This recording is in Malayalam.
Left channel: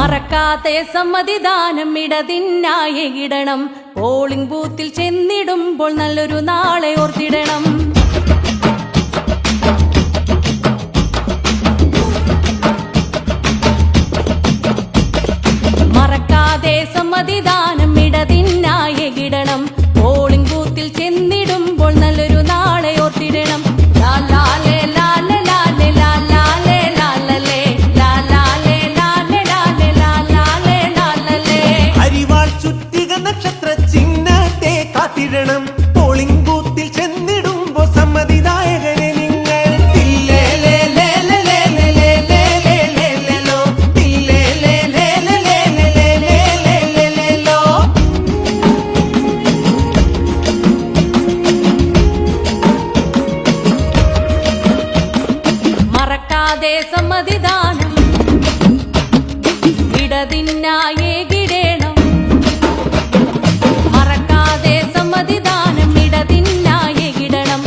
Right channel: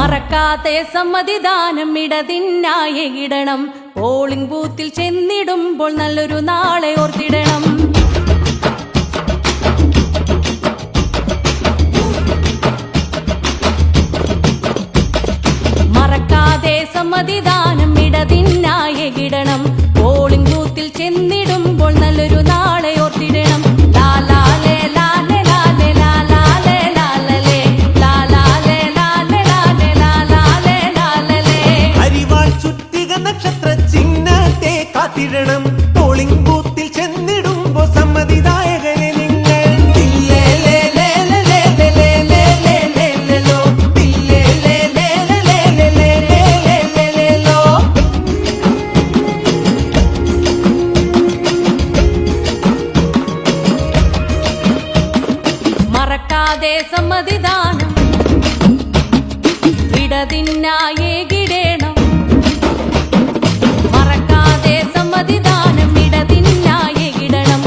മറക്കാതെ സമ്മതിദാനം ഇടതിനായി ഇടണം. പോളിംഗ് ബൂത്തിൽ ചെന്നിടുമ്പോൾ നല്ലൊരു നാളെ ഓർത്തിടണം. മറക്കാതെ സമ്മതിദാനം ഇടതിനായി ഇടണം. പോളിംഗ് ബൂത്തിൽ ചെന്നിടുമ്പോൾ നല്ലൊരു നാളെ ഓർത്തിടണം. ലാലാലേ ലാലേ ലാലേ ലാലാലേ ലാലലേ ലാലാലേ ലാലേ ലാലേ ലാലാലേ ലാലലേ. അരിവാൾ ചുറ്റിക നക്ഷത്ര ചിഹ്നത്തെ കാത്തിടണം. പോളിംഗ് ബൂത്തിൽ ചെന്നിടുമ്പോ സമ്മതിദായകരെ നിങ്ങൾ മറക്കാതെ സമ്മതിദാനം ഇടതിനായി ഇടണം. മറക്കാതെ സമ്മതിദാനം ഇടതിനായി ഇടണം.